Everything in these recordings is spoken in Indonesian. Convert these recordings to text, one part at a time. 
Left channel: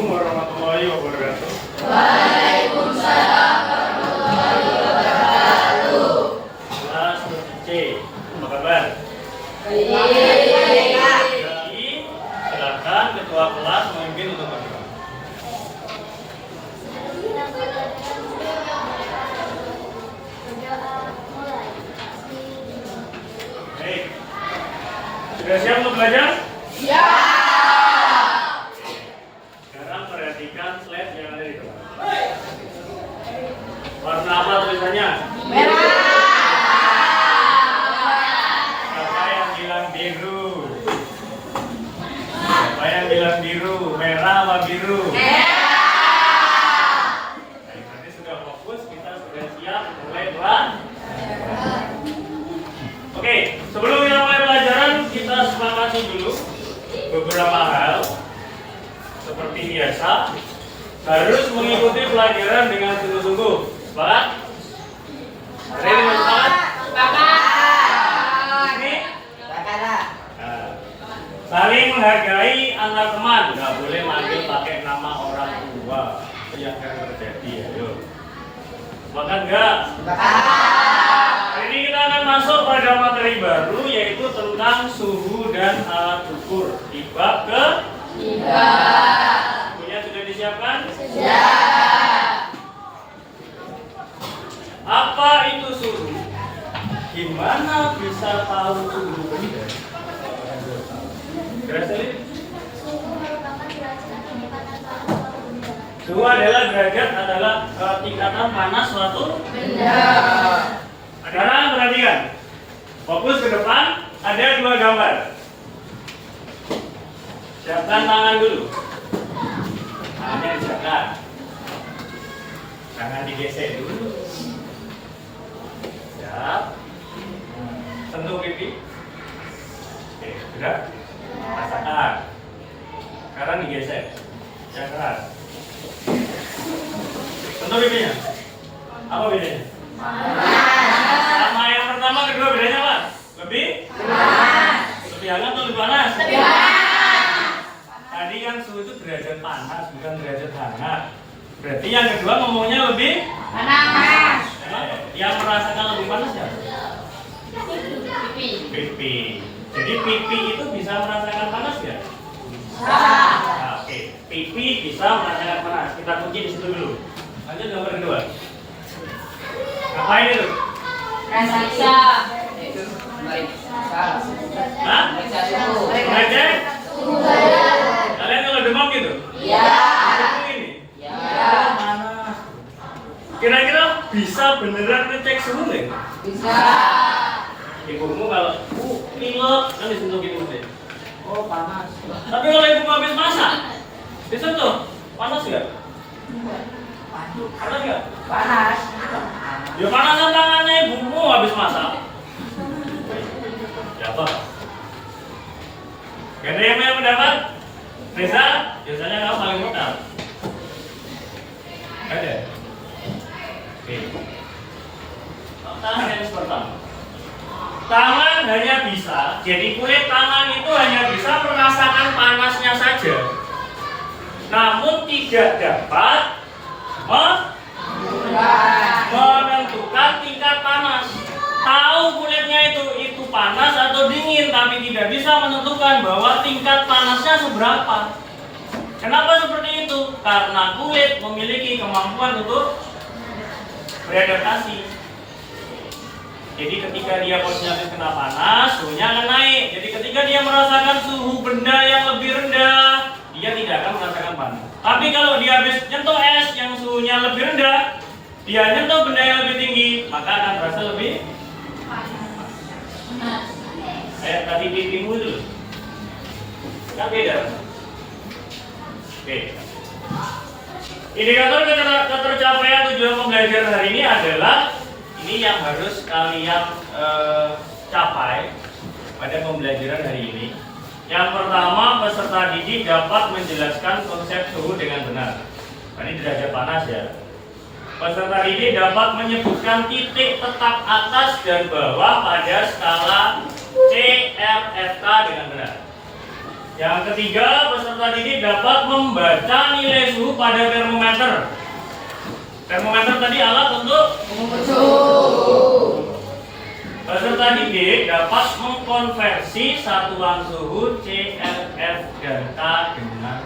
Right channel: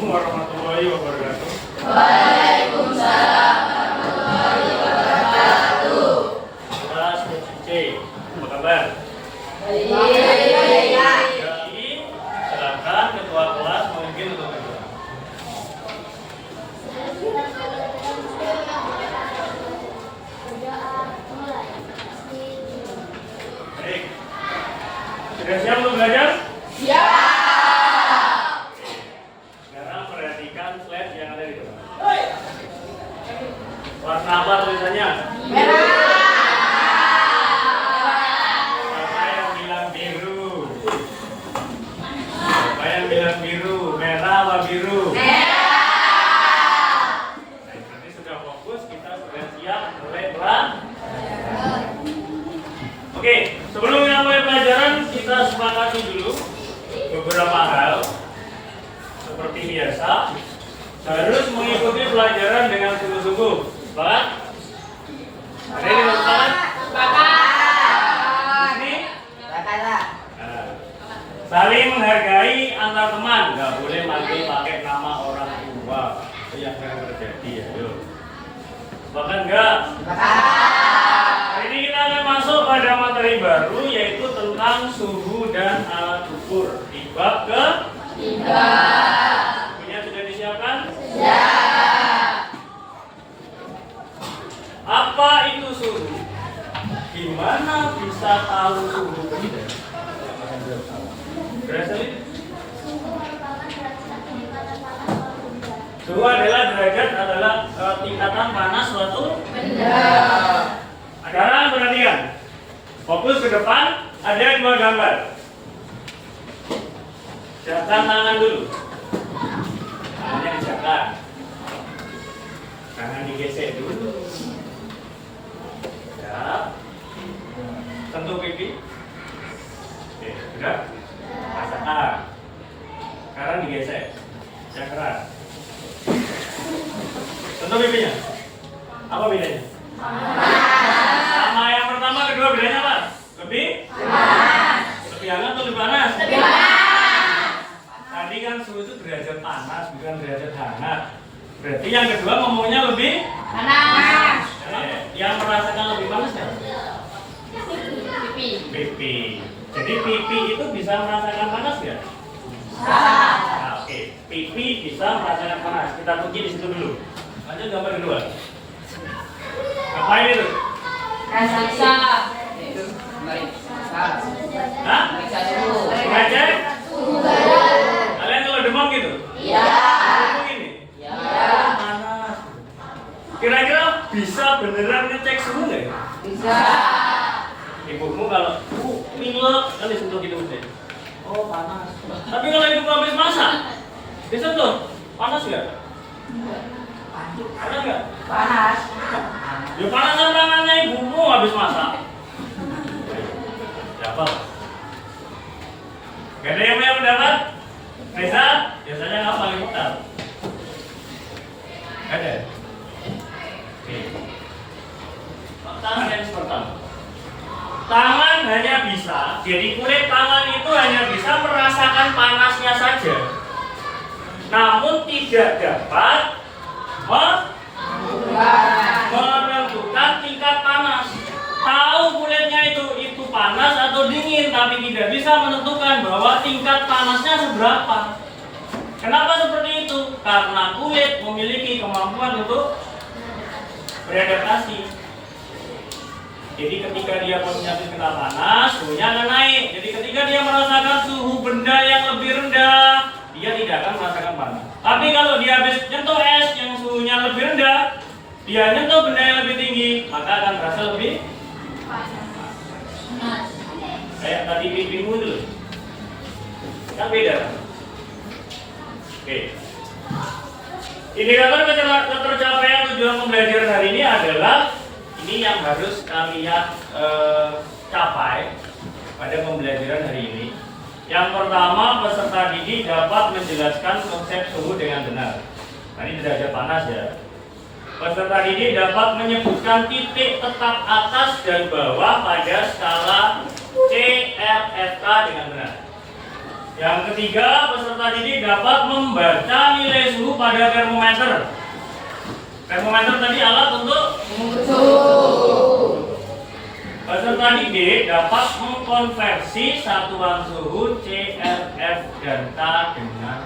Assalamualaikum warahmatullahi wabarakatuh. Waalaikumsalam warahmatullahi wabarakatuh. Kelas C, apa kabar? Baik. Jadi, silakan ketua kelas memimpin untuk berdoa. Baik. Sudah siap untuk belajar? Ya. Sekarang perhatikan slide yang ada di depan. Warna apa tulisannya? Merah. Siapa yang bilang biru? Siapa yang bilang biru? Merah apa biru? Baik, nanti sudah fokus, kita sudah siap mulai belajar. Oke, sebelum kita mulai pelajaran, kita sepakati dulu beberapa hal. Seperti biasa, harus mengikuti pelajaran dengan sungguh-sungguh. Sepakat? Ada yang mau sepakat? Ini? Nah, saling menghargai antar teman, nggak boleh manggil pakai nama orang tua. Itu yang akan terjadi. Ayo, sepakat nggak? Hari ini kita akan masuk pada materi baru, yaitu tentang suhu dan alat ukur di bab ke 3. Bukunya sudah disiapkan? Siap. Apa itu suhu? Gimana bisa tahu suhu benda? Graceline? Suhu adalah derajat adalah tingkatan panas suatu Benda. Sekarang perhatikan, fokus ke depan, ada dua gambar. Siapkan tangan dulu. Tangannya disiapkan. Tangan digesek dulu. Siap. Sentuh pipi. Oke, sudah. Rasakan. Sekarang digesek. Yang keras. Sentuh pipinya. Apa bedanya? Sama yang pertama, kedua bedanya apa? Lebih? Lebih hangat atau lebih panas? Tadi kan suhu itu derajat panas, bukan derajat hangat. Berarti yang kedua ngomongnya lebih Panas. yang merasakan lebih panas ya? Pipi. Pipi. Jadi pipi itu bisa merasakan panas ya? Nah, oke, pipi bisa merasakan panas. Kita kunci di situ dulu. Lanjut gambar kedua. Apa ini tuh? Periksa. Hah? Mengecek? Suhu badan. Kalian kalau demam gitu? Iya. Demam ini? Iya. Panas. Kira-kira bisa beneran ngecek suhu nggak ya? Bisa. Ibumu kalau pilek kan disentuh gini mesti. Oh panas. Tapi kalau ibu habis masak, disentuh panas nggak? Panas nggak? Panas. Ya panasan tangannya ibumu habis masak. Ya apa? Gak ada yang mau mendapat? Reza, biasanya kamu paling mudah. Ada. Oke. Tangan yang pertama. Tangan hanya bisa, jadi kulit tangan itu hanya bisa merasakan panasnya saja. Namun tidak dapat menentukan tingkat panas. Tahu kulitnya itu panas atau dingin, tapi tidak bisa menentukan bahwa tingkat panasnya seberapa. Kenapa seperti itu? Karena kulit memiliki kemampuan untuk beradaptasi. Jadi ketika dia posisinya kena panas, suhunya akan naik. Jadi ketika dia merasakan suhu benda yang lebih rendah, dia tidak akan merasakan panas. Tapi kalau dia habis nyentuh es yang suhunya lebih rendah, dia nyentuh benda yang lebih tinggi, maka akan terasa lebih kayak tadi pipimu dulu. Kan beda. Oke. Indikator ketercapaian tujuan pembelajaran hari ini adalah ini yang harus kalian capai pada pembelajaran hari ini. Yang pertama, peserta didik dapat menjelaskan konsep suhu dengan benar. Nah, ini derajat panas ya. Peserta didik dapat menyebutkan titik tetap atas dan bawah pada skala CRFK dengan benar. Yang ketiga, peserta didik dapat membaca nilai suhu pada termometer. Termometer tadi alat untuk Mengukur suhu. peserta didik dapat mengkonversi satuan suhu CFF delta dengan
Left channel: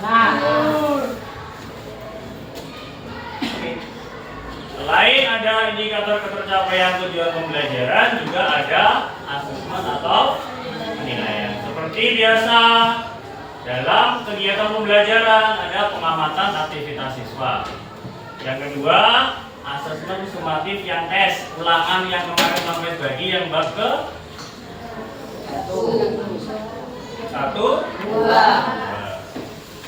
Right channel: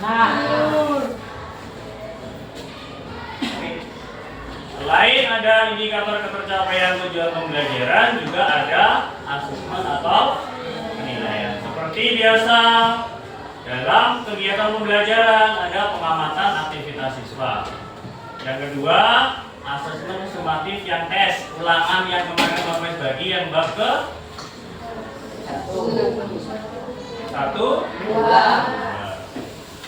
Nah. Selain ada indikator ketercapaian tujuan pembelajaran, juga ada asesmen atau penilaian. Seperti biasa dalam kegiatan pembelajaran ada pengamatan aktivitas siswa. Yang kedua, asesmen sumatif yang tes ulangan yang kemarin Bapak bagi yang bab ke 1, 2.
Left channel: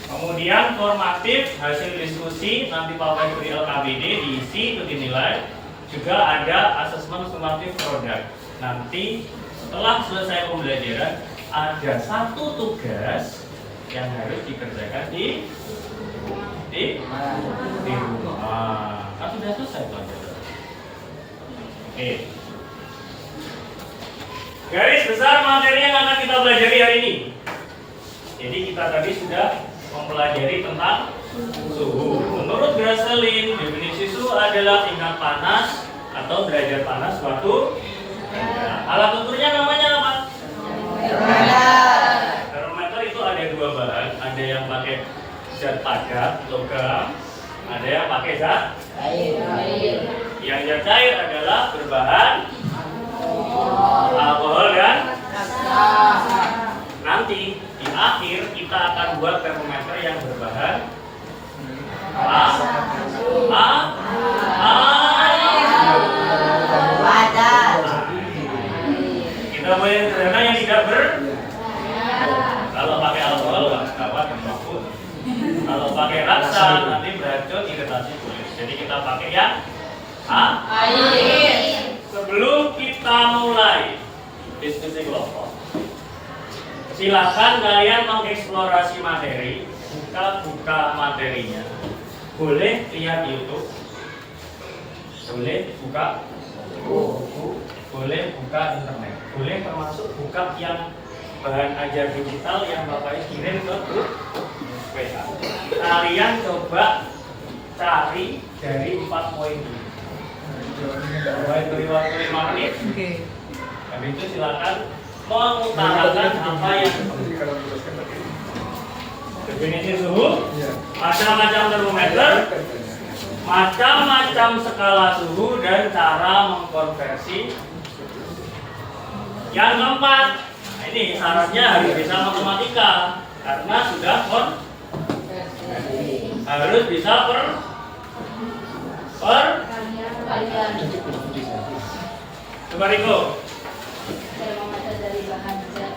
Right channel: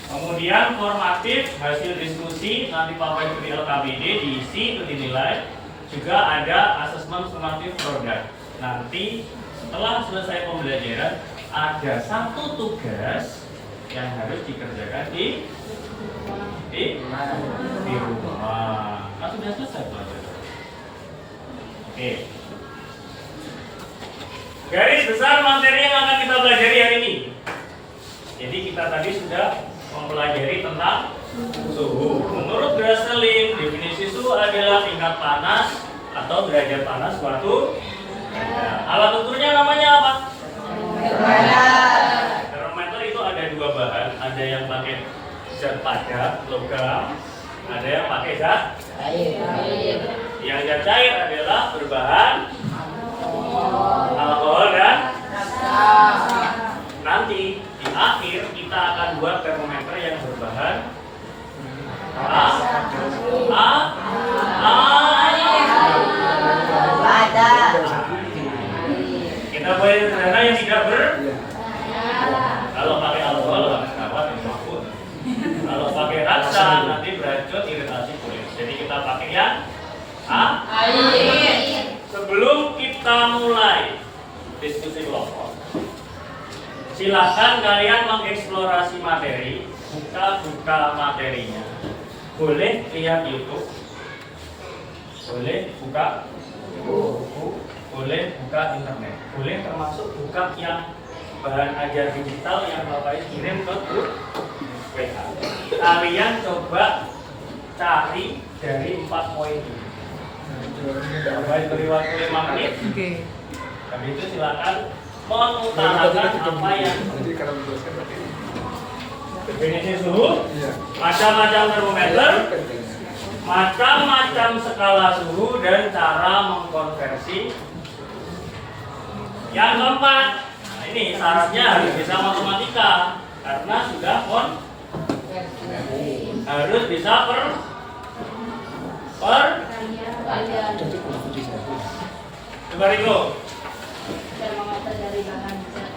Kemudian formatif hasil diskusi nanti Bapak beri ABD diisi dinilai. Juga ada asesmen sumatif produk. Nanti setelah selesai pembelajaran ada satu tugas yang harus dikerjakan di rumah. Kan sudah selesai pelajaran. Oke. Garis besar materi yang akan kita pelajari hari ini. Jadi kita tadi sudah mempelajari tentang suhu. Menurut Graselin, definisi suhu adalah tingkat panas atau derajat panas suatu benda. Alat ukurnya namanya apa? Termometer itu ada dua bahan, ada yang pakai zat padat, logam, ada yang pakai zat Air. yang zat cair adalah berbahan alkohol dan nanti di akhir kita akan buat termometer yang berbahan kita boleh sederhana yang tidak kalau pakai alkohol dapat dimakan. Kalau pakai raksa nanti beracun iritasi kulit. Jadi kita pakai yang Air. Sebelum kita mulai diskusi kelompok, silahkan kalian mengeksplorasi materi, buka materinya. Boleh lihat YouTube, boleh buka buku, boleh buka internet, boleh termasuk buka yang bahan ajar digital yang Bapak kirim ke grup WA. Kalian coba cari dari 4 poin ini. Bapak beri waktu 5 menit. Oke. Habis itu silakan mengutarakan apa yang definisi suhu, macam-macam termometer, macam-macam skala suhu dan cara mengkonversi. Yang keempat, nah ini syaratnya harus bisa matematika karena sudah harus bisa per coba Riko. Termometer dari bahan zat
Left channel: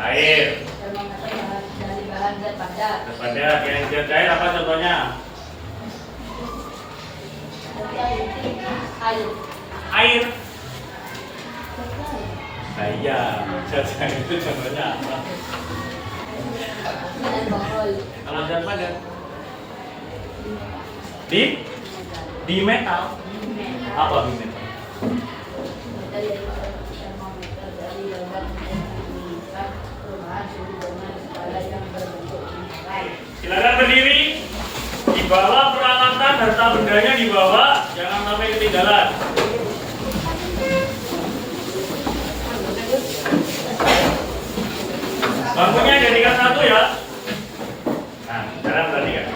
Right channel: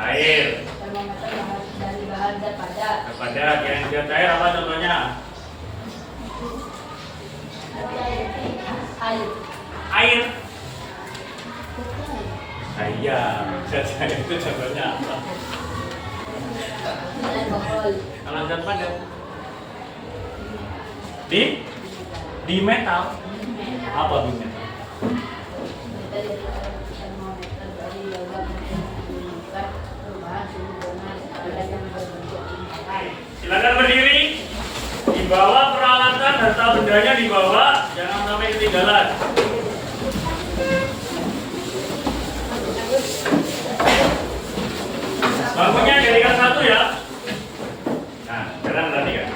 Air. Termometer dari bahan zat padat. Kepada yang zat cair apa contohnya? Air. Air. Nah, iya, zat cair itu contohnya apa? Alkohol. Kalau zat padat di metal. Apa di metal? Termometer dari logam menunjukkan perubahan suhu dengan skala yang berbentuk lingkaran. Silakan berdiri. Dibawa peralatan harta bendanya dibawa, jangan sampai ketinggalan. Bangkunya jadikan satu ya. Nah, sekarang perhatikan.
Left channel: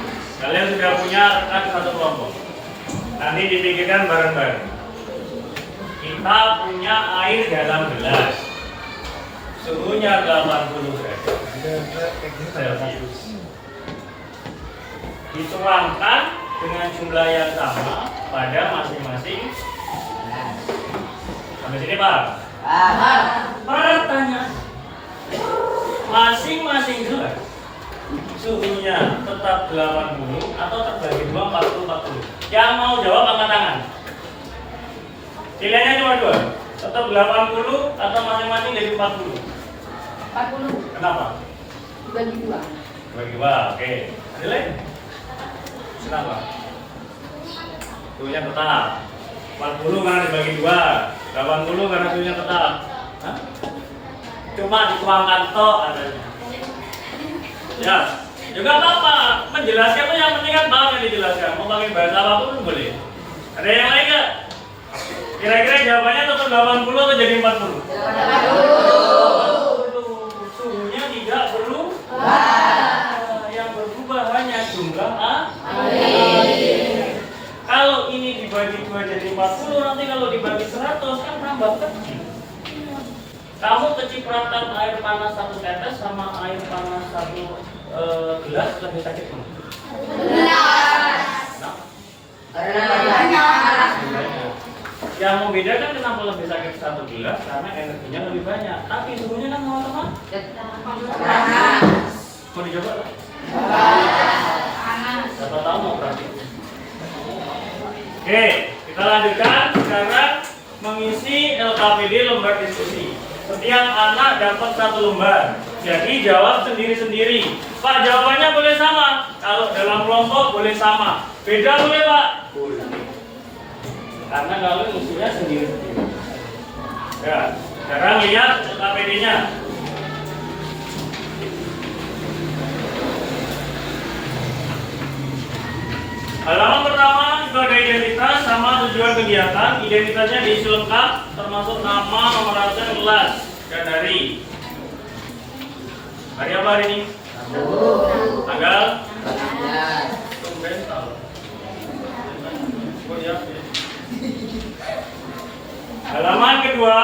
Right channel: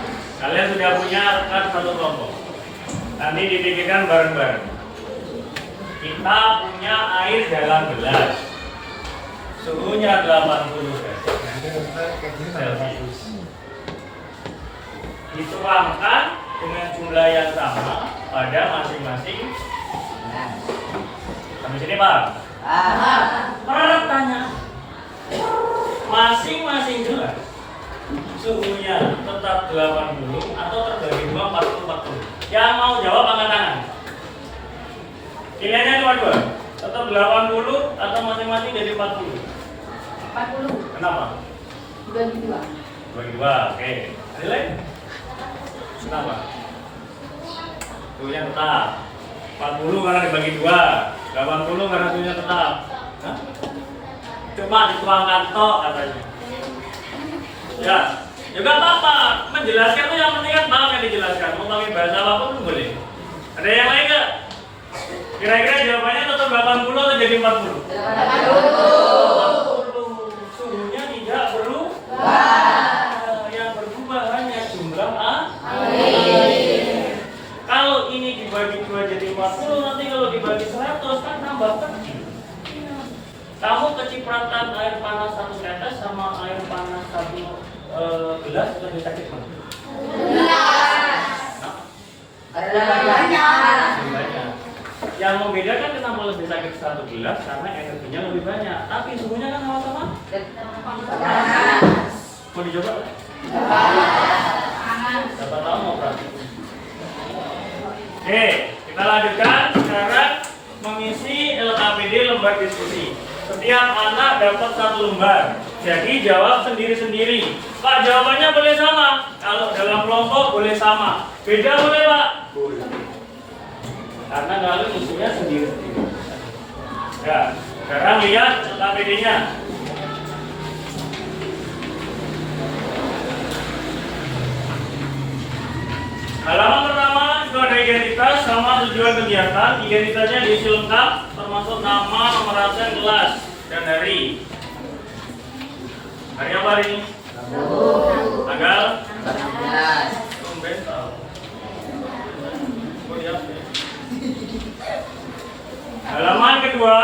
Kalian sudah punya rekan satu kelompok. Nanti dipikirkan bareng-bareng. Kita punya air dalam gelas. Suhunya 80 derajat Celcius. Dituangkan dengan jumlah yang sama pada masing-masing. Sampai sini Pak. Pertanyaan. Masing-masing gelas suhunya tetap 80 atau terbagi 2 40. Yang mau jawab angkat tangan. Pilihannya cuma 2. Tetap 80 atau masing-masing jadi 40. 40. Kenapa? Dibagi 2. Bagi 2. Oke. Ada lain? Kenapa? Suhunya tetap. 40 karena dibagi 2. 80 karena suhunya tetap. Hah? Cuma dituangkan tok katanya. Ya, juga apa-apa. Menjelaskan tuh yang penting kan paham yang dijelaskan. Mau pakai bahasa apapun pun boleh. Ada yang lain nggak? Kira-kira jawabannya tetap 80 atau jadi 40? 80. Suhunya tidak berubah. Yang berubah hanya jumlah air. Kalau ini dibagi 2 jadi 40, nanti kalau dibagi 100 kan tambah kecil. Kamu kecipratan air panas 1 tetes sama air panas 1 gelas lebih sakit mana? Yang membedakan kenapa lebih sakit 1 gelas karena energinya lebih banyak, tapi suhunya kan sama-sama. Mau dicoba? Siapa tahu mau praktik. Oke, kita lanjutkan sekarang mengisi LKPD lembar diskusi. Setiap anak dapat 1 lembar. Jadi jawab sendiri-sendiri. Pak, jawabannya boleh sama. Kalau dalam kelompok boleh sama. Beda boleh, Pak? Boleh. Karena kalau isinya sendiri-sendiri. Ya, sekarang lihat LKPD-nya. Halaman pertama itu ada identitas sama tujuan kegiatan. Identitasnya diisi lengkap, termasuk nama, nomor absen, kelas, dan hari. Hari apa hari ini? Tanggal? Tumben tahu. Halaman kedua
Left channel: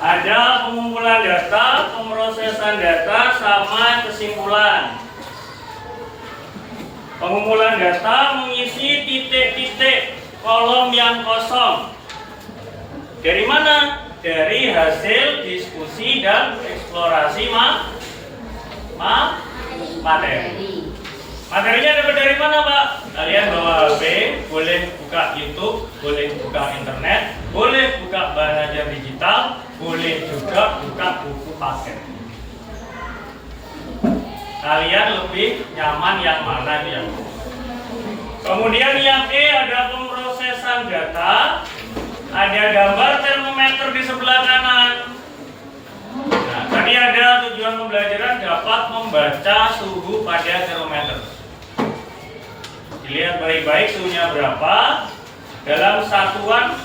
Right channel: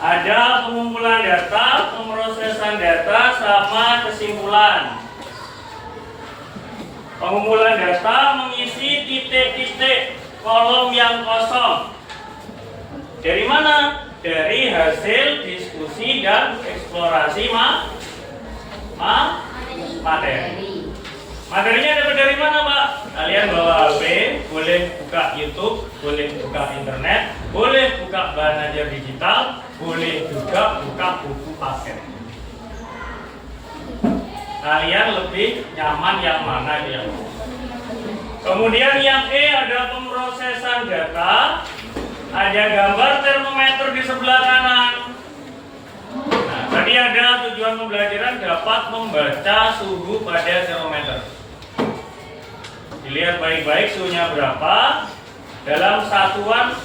ada pengumpulan data, pemrosesan data, sama kesimpulan. Pengumpulan data mengisi titik-titik kolom yang kosong. Dari mana? Dari hasil diskusi dan eksplorasi materi. Materinya dapat dari mana, Pak? Kalian bawa HP, boleh buka YouTube, boleh buka internet, boleh buka belajar digital, boleh juga buka buku paket. Kalian lebih nyaman yang mana ya? Kemudian yang E ada pemrosesan data, ada gambar termometer di sebelah kanan. Nah, tadi ada tujuan pembelajaran dapat membaca suhu pada termometer. Dilihat baik-baik suhunya berapa dalam satuan.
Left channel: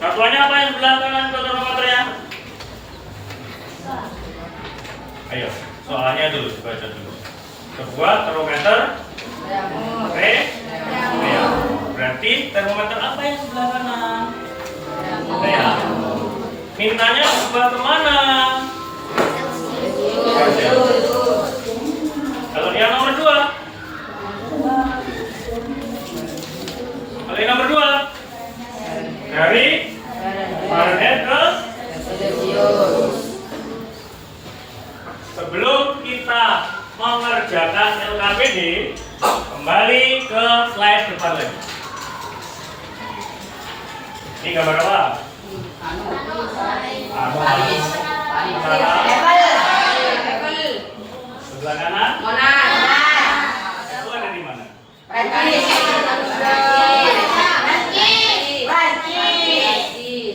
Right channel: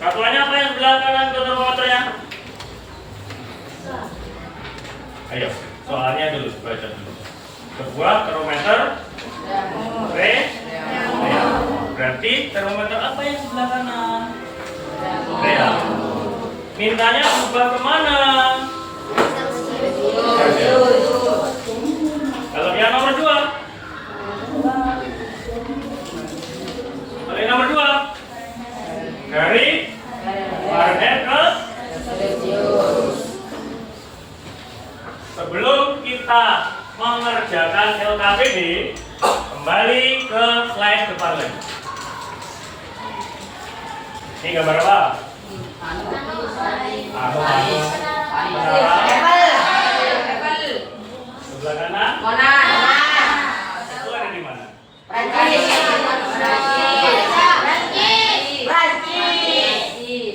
Satuannya apa yang sebelah kanan termometernya? Ayo, soalnya dulu, baca dulu. Sebuah termometer berarti termometer apa yang sebelah kanan? Mintanya berubah kemana? Kalau yang nomor 2? Kalau yang nomor 2? Dari Fahrenheit ke sebelum kita mengerjakan LKPD, kembali ke slide depan lagi. Ini gambar apa? Sebelah kanan? Itu ada di mana?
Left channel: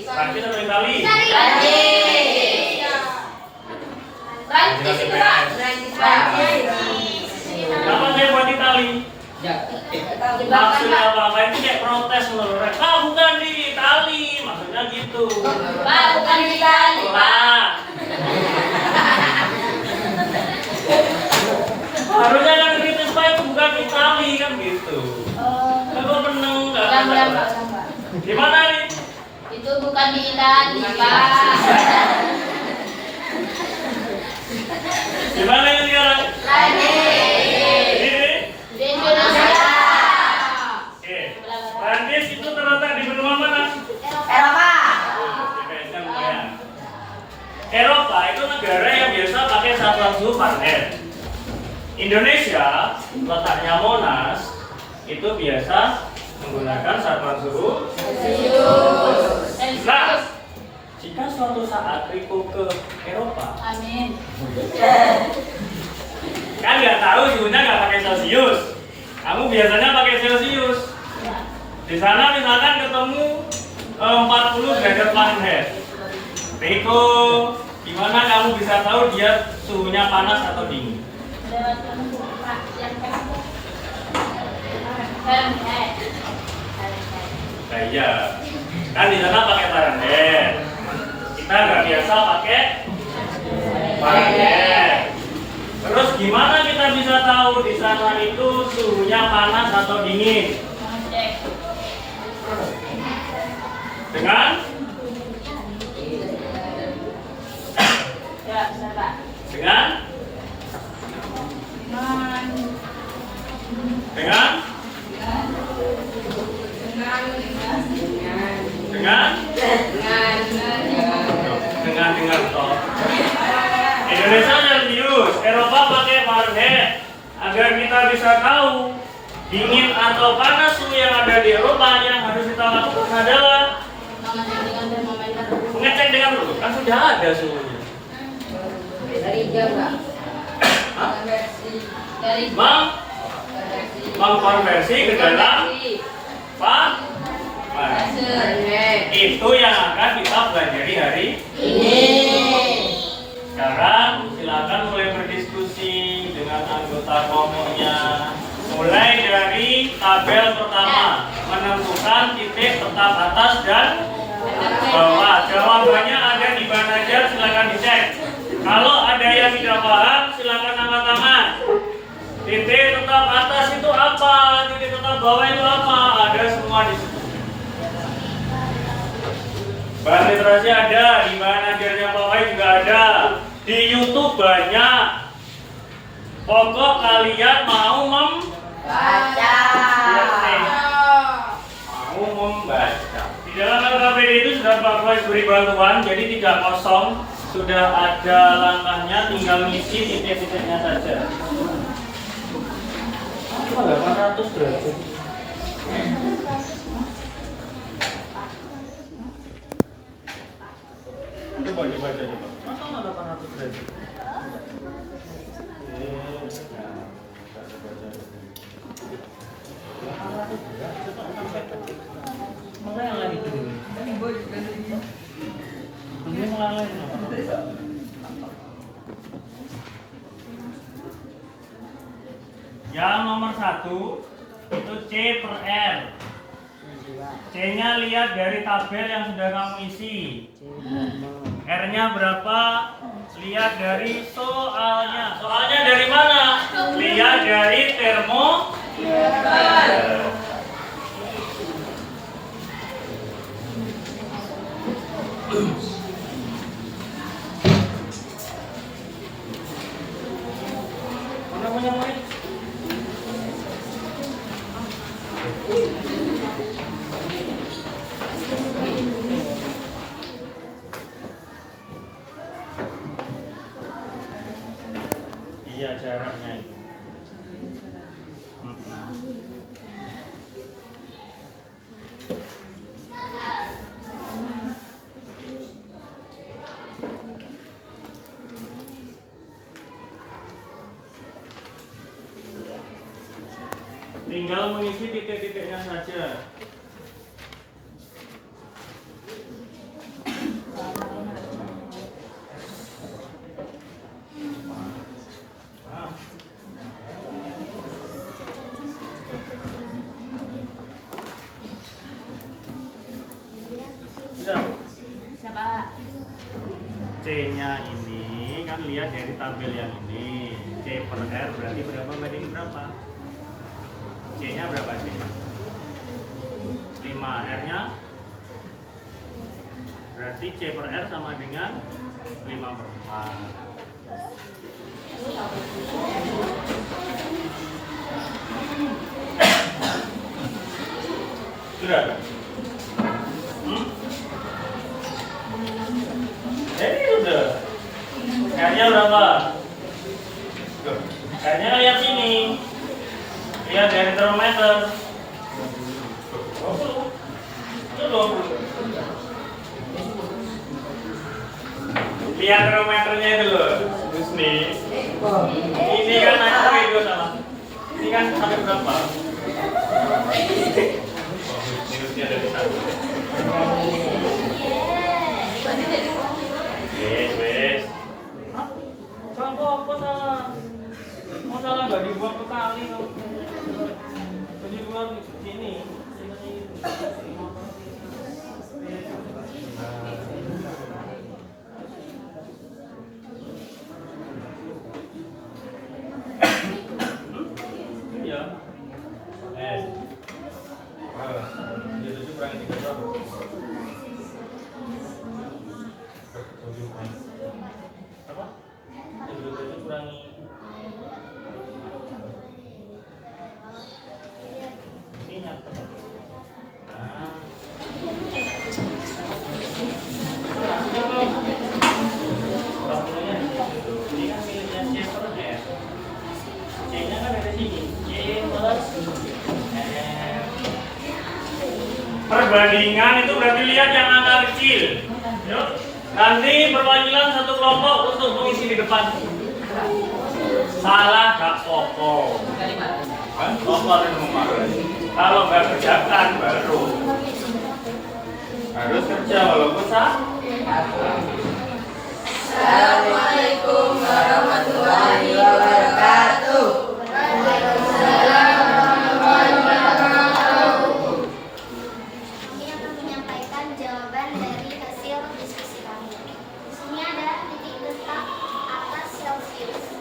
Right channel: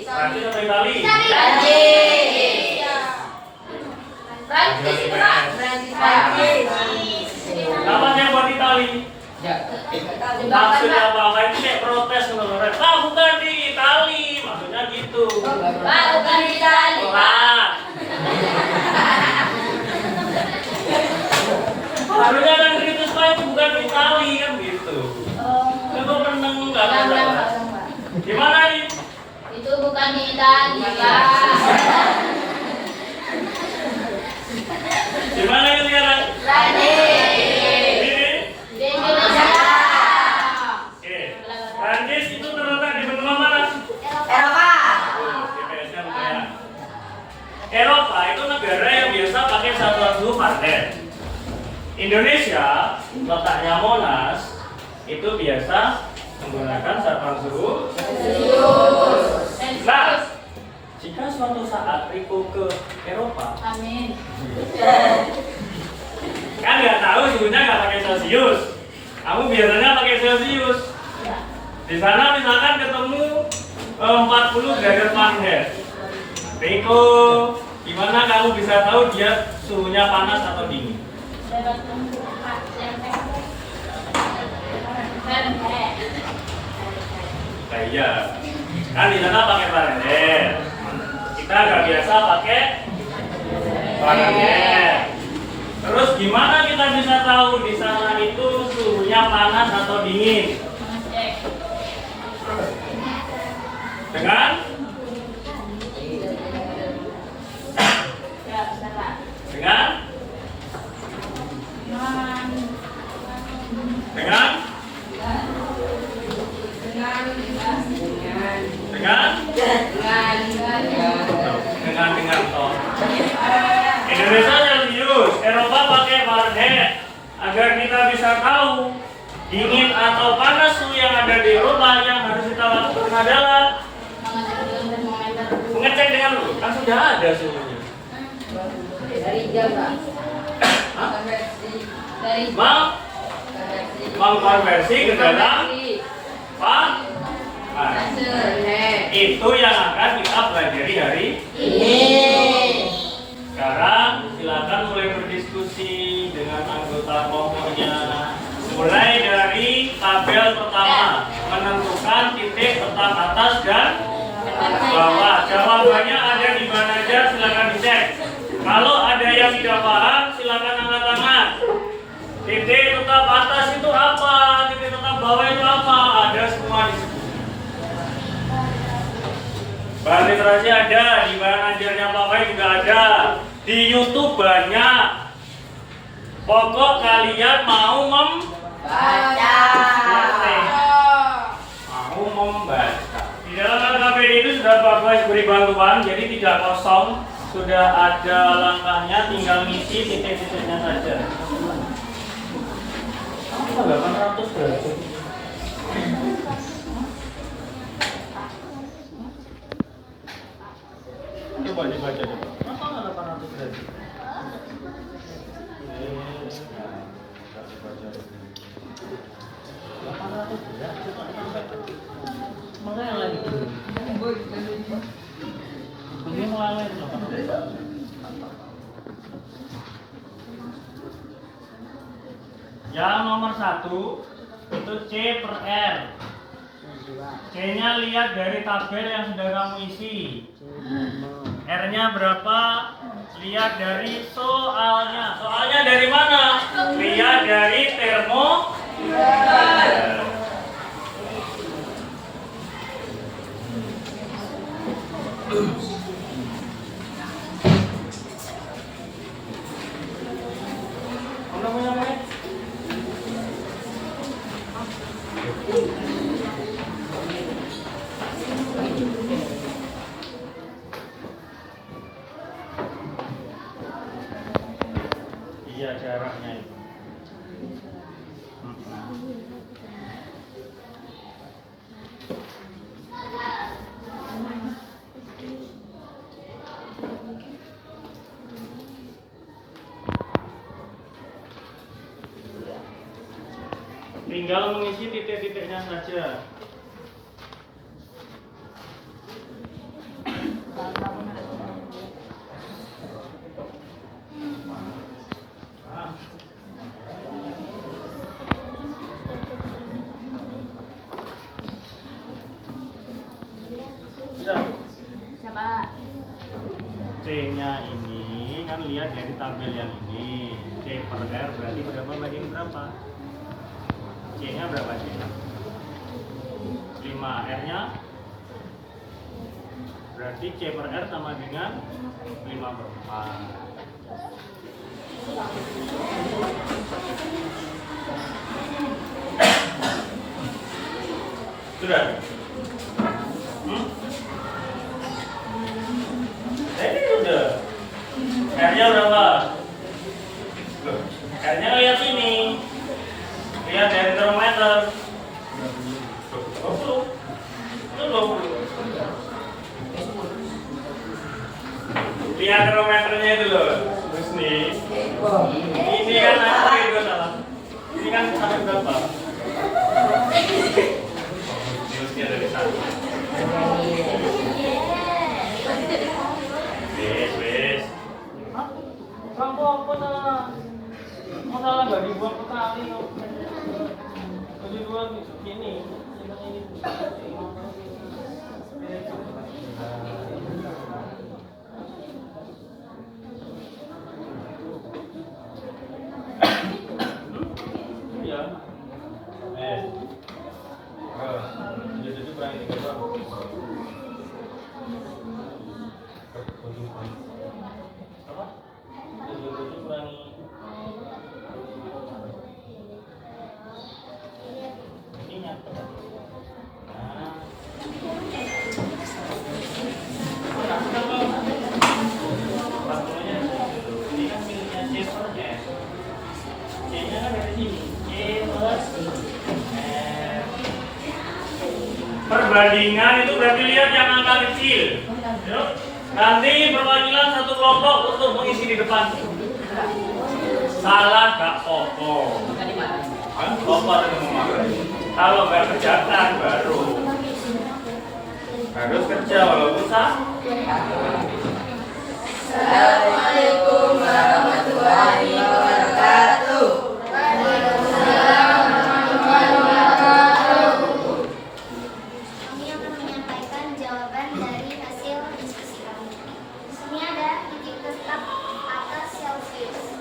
Prancis atau Itali? Kenapa saya buat Itali? Maksudnya apa? Itu kayak protes menurut saya. Pak, bukan di Itali. Maksudnya gitu. Pak, bukan di Itali. Lah. Harusnya kan kritis Pak, bukan di Itali kan gitu. Aku menang nggak ada. Gimana nih? Itu bukan di Itali, Pak. Gimana ini sekarang? Di Indonesia. Oke. Prancis itu terletak di benua mana? Eropa. GPS-nya lumayan. Eropa itu negara yang biasa pakai satuan suhu Fahrenheit. Indonesia, letaknya Monas, itu biasa menggunakan satuan suhu Celsius. Nah, jika suatu saat Riko ke Eropa, Amin. kan nggak tahu suhunya nggak pakai Celsius. Kamu biasanya pakai Celsius. Di sana misalkan ketemu 40 derajat Fahrenheit. Oke, Riko, gimana kamu bisa tahu dia suhunya panas atau dingin? Nah, iya, kan di sana pakai Fahrenheit. Kita nggak biasa pakai Fahrenheit. Terus gimana kita bisa tahu di sana itu suhunya panas atau dingin? Dengan dengan toh. Indonesia Celcius, Eropa pakai Fahrenheit. Agar kita bisa tahu dingin atau panas suhu yang ada di Eropa, yang harus kita lakukan adalah mengecek dengan dulu. Kan sudah ada suhunya. Dari jam lah. Dari Mengkonversi ke dalam itu yang akan kita pelajari hari ini. Sekarang silakan mulai berdiskusi dengan anggota kelompoknya. Mulai dari tabel pertama, menentukan titik tetap atas dan bawah. Jawabannya ada di mana aja, silakan dicek. Kalau ada yang tidak paham, silakan angkat tangan. Titik tetap atas itu apa? Titik tetap bawah itu apa? Ada semua di situ. Bahan literasi ada, di bahan ajarnya Pak Wai juga ada. Di YouTube banyak. Pokok kalian mau membaca. Mau membaca. Di dalam LKPD itu sudah Pak Wai beri bantuan, jadi tidak kosong. Sudah ada langkahnya, tinggal ngisi titik-titiknya saja. Apa 800 derajat? Coba dibaca coba. Masa nggak 800 derajat? Meleleh itu. Dia meleleh. Yang nomor 1 itu C per R. C-nya lihat dari tabel yang sudah kamu isi. R-nya berapa? Lihat dari soalnya. Soalnya dari mana? Lihat dari termometer. Mana punya main? Iya, jaraknya itu. Tinggal mengisi titik-titiknya saja. C-nya ini kan lihat dari tabel yang ini. C per R berarti berapa banding berapa? C-nya berapa C? 5. R-nya berarti C per R sama dengan 5 per 4. Sudah? Ini udah. R-nya berapa? R-nya lihat sini. Lihat dari termometer. 20. Itu 20. Lihat termometernya itu loh. Terus nih. Ini kan aku juga salah. Ini kan sampai berapa? Minusnya ada di satu. Wes. Hah? Apa salah? Masalah nggak dibuang ke kali kok. Di luar sini. Iya. Itu kurang 3 doang. Apa? Itu kurang minyak. Nah. Ini kan miliknya Chester ya. C-nya kan ada di sini. C plus perbandingan itu berarti lihat yang angka kecil. Yuk. Nanti perwakilan satu kelompok untuk mengisi di depan. Salah gak pokok. Kan pokok itu memarahi. Kalau nggak kerjakan baru harus kerja walaupun Assalamualaikum warahmatullahi wabarakatuh. Waalaikumsalam warahmatullahi wabarakatuh. Kami akan menyampaikan jawaban dari hasil diskusi kami. Di sini ada titik tetap atas Celsius.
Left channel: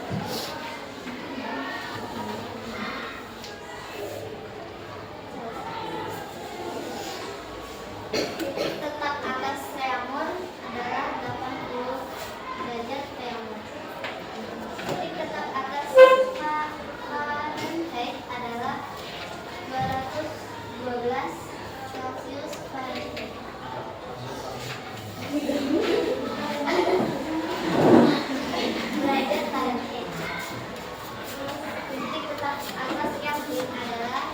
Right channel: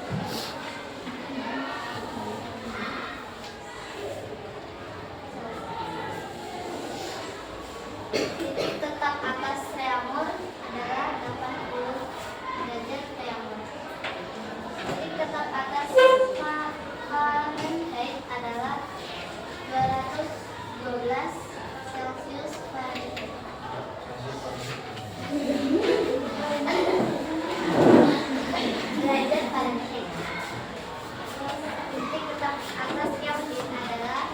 Titik tetap atas reaumur adalah 80 derajat reaumur. Titik tetap atas Fahrenheit adalah 212 Celsius Fahrenheit. Derajat Fahrenheit. Titik tetap atas Kelvin adalah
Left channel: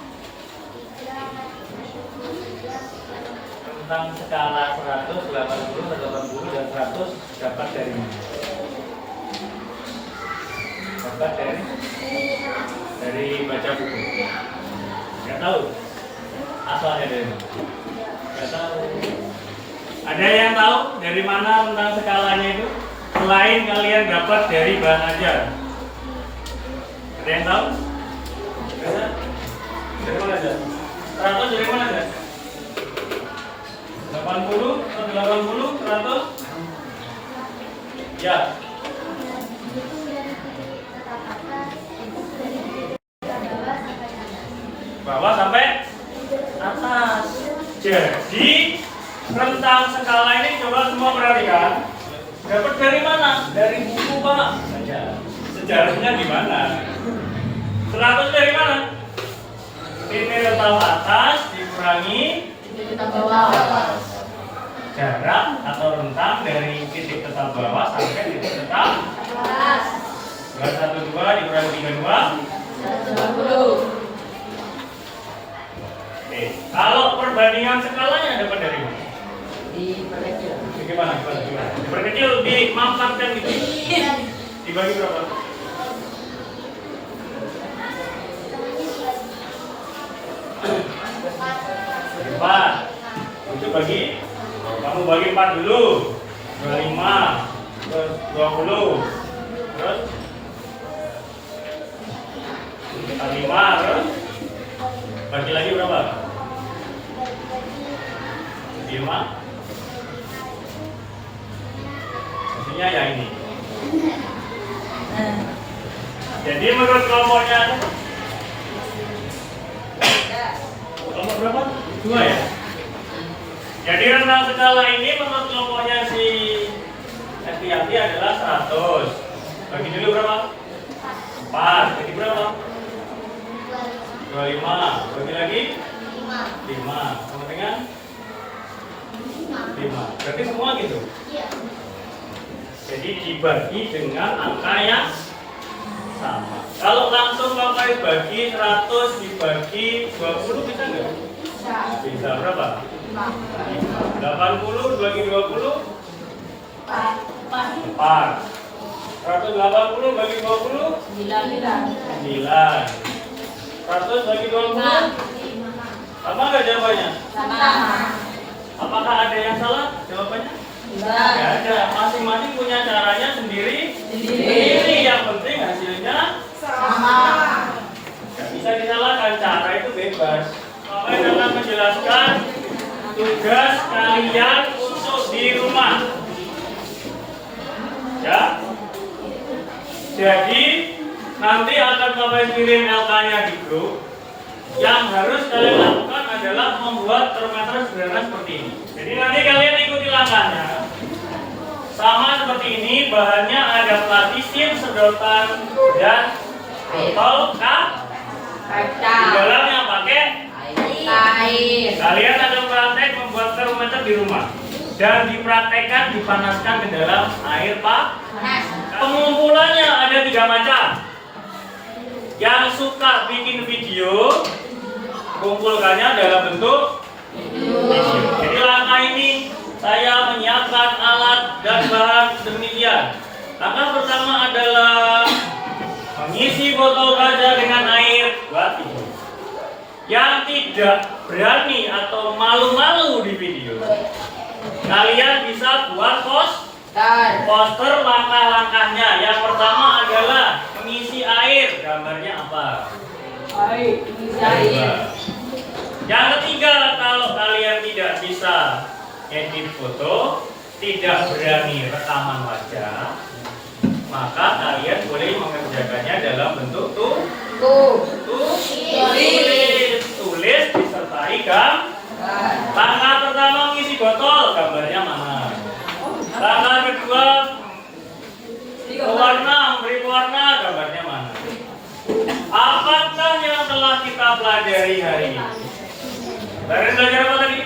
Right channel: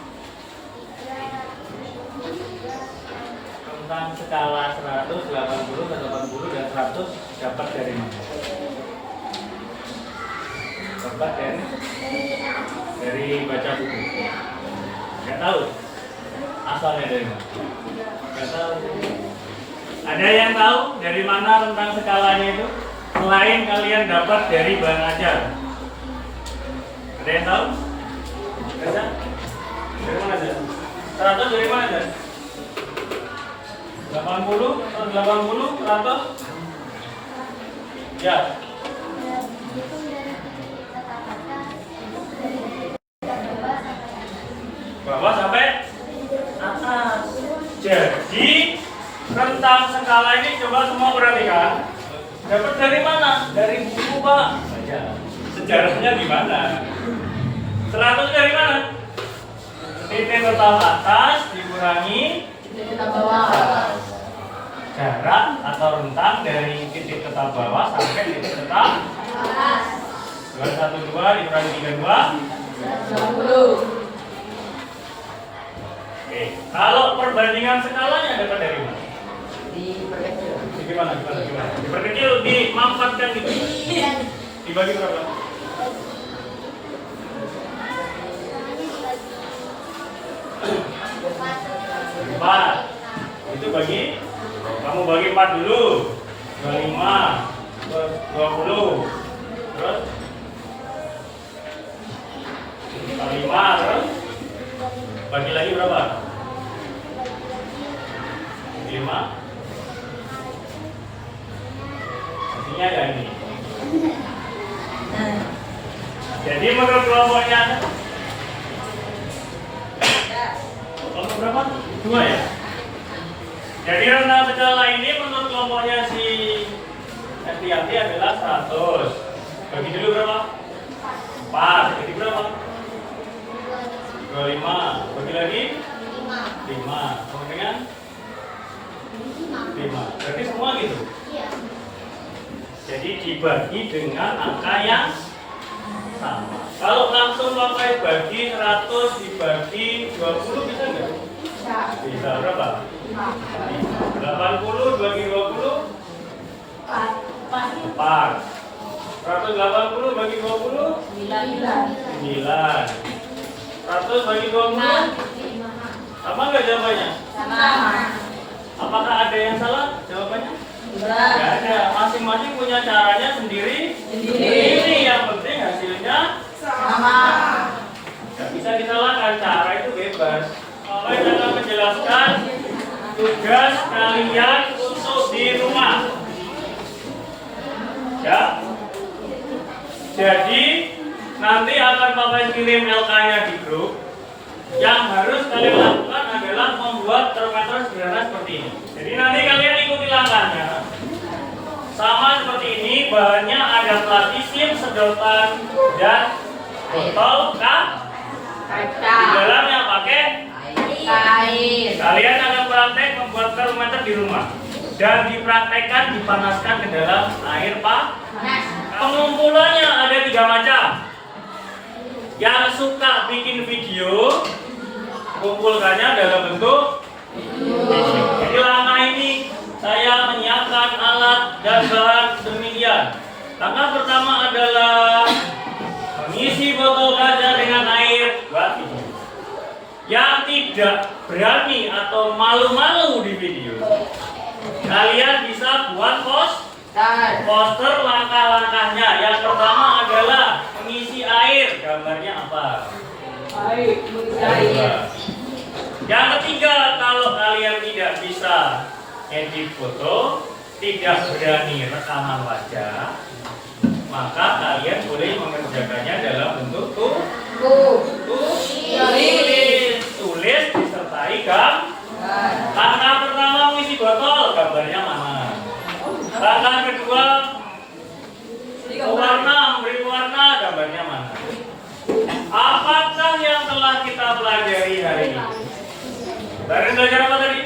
373 tentang skala 100, 80, 80 dan 100 dapat dari mana? Dapat dari baca buku. Nggak tahu asalnya dari mana? Nggak tahu. Ada yang tahu dari mana tentang skalanya itu? Selain kalian dapat dari bahan ajar. Ada yang tahu? Bisa? Dari mana aja? 100 dari mana aja? 80 atau 80, 100? Ya. Bawah sampai atas. Jadi rentang skala ini coba semua perhatikan. Dapat dari mana? Dari buku, Pak. Baca. Sejarahnya di mana? 100 dari mana? Titik tetap atas dikurangi Kita bawah. jarak atau rentang dari titik tetap bawah sampai titik tetap Atas. 212 dikurangi 32. 120. Oke, kalau perbandingan skalanya dapat dari mana? Diperkecil. Gimana? Diperkecil, dimanfaatkan gitu. Dibagi berapa? Empat. Itu bagi, kamu bagi 4 dulu. 25, terus 20, terus 5, terus bagi lagi berapa? 5. Artinya ya ini. Jadi menurut kelompoknya ada kelompok berapa? 2 ya? Jadi rentang skala ini menurut kelompoknya si Estianti adalah 100. Bagi dulu berapa? 4. Jadi berapa? 25. Bagi lagi? 5. Sama dengan? 5. Berarti semua gitu? Iya. Jadi dibagi dengan angka yang sama. Kalau langsung Bapak bagi 100 dibagi 20 bisa nggak? Bisa berapa? 80 bagi 20 4. 180 bagi 20 9. 100 bagi 20 sama nggak jawabannya? Sama. Apakah ada yang salah jawabannya? Nggak ada. Masing-masing punya caranya sendiri. Yang penting hasilnya Sama. nggak bisa disalahkan. Cara itu bebas. Bapak akan menjelaskan tugas kalian untuk di rumah. Ya. Jadi nanti akan Bapak kirim LK-nya di grup. Yang harus kalian lakukan adalah membuat termometer sederhana seperti ini. Jadi nanti kalian ikuti langkahnya. Sama seperti ini, bahannya ada plastisin, sedotan, dan botol Kaca. di dalamnya pakai. Air. Kalian akan praktek membuat termometer di rumah dan dipraktekkan dipanaskan ke dalam air panas. Pengumpulannya ada 3 macam. Yang suka bikin video, kumpulkannya dalam bentuk video. Jadi langkah ini saya menyiapkan alat dan bahan demikian. Langkah pertama adalah mengisi botol kaca dengan air buat video. Yang tidak berani atau malu-malu di video, kalian bisa buat poster langkah-langkahnya. Yang pertama adalah mengisi air. Gambarnya apa? Air. Yang ketiga, kalau kalian tidak bisa edit foto, tidak berani rekaman wajah, maka kalian boleh mengerjakannya dalam bentuk tulis disertai langkah pertama mengisi botol, gambarnya mana? Langkah kedua memberi warna, gambarnya mana? Apakah yang telah kita pelajari hari ini? Kalian belajar apa tadi?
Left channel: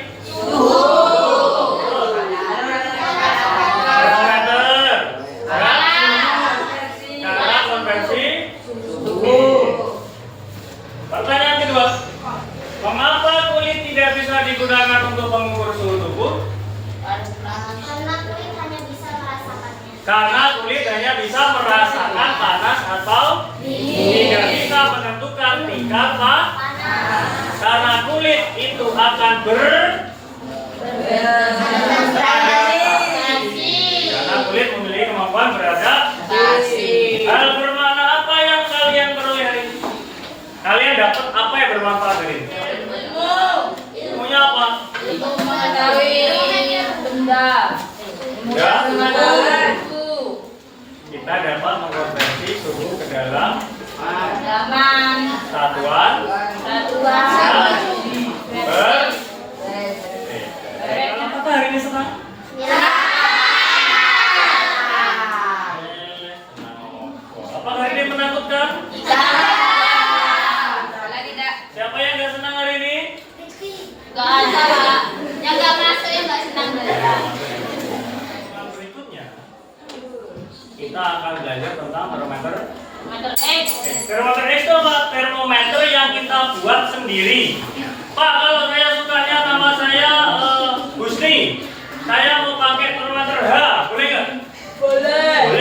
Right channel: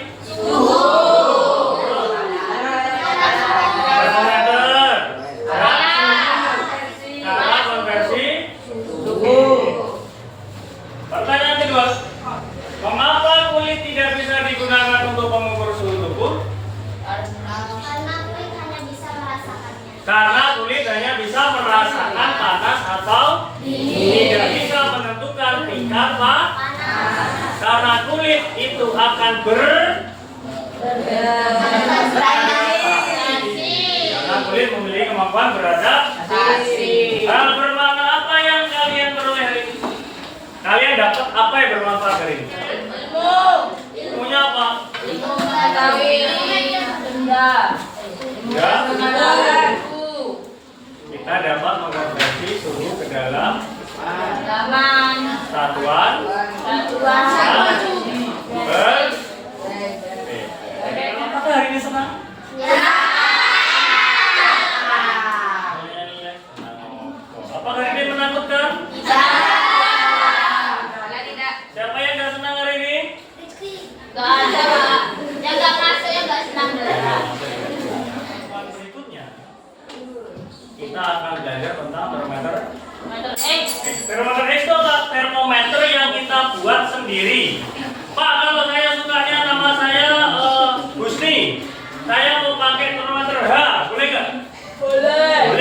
Termometer. Cara konversi suhu. Pertanyaan kedua, mengapa kulit tidak bisa digunakan untuk mengukur suhu tubuh? Karena kulit hanya bisa merasakan panas atau tidak bisa menentukan tingkat panas. Karena kulit itu akan karena kulit memiliki kemampuan beradaptasi. Hal bermakna apa yang kalian peroleh hari ini? Kalian dapat apa yang bermanfaat hari ini? Ilmunya apa? Ya. Kita dapat mengkonversi suhu ke dalam satuan apakah hari ini senang? Apakah hari ini menakutkan? Siapa yang nggak senang hari ini? Berikutnya kita akan belajar tentang termometer X. Termometer X itu apa? Termometer yang kita buat sendiri. Pak, kalau saya sukanya nama saya Husni, saya mau pakai termometer H, boleh nggak? Boleh.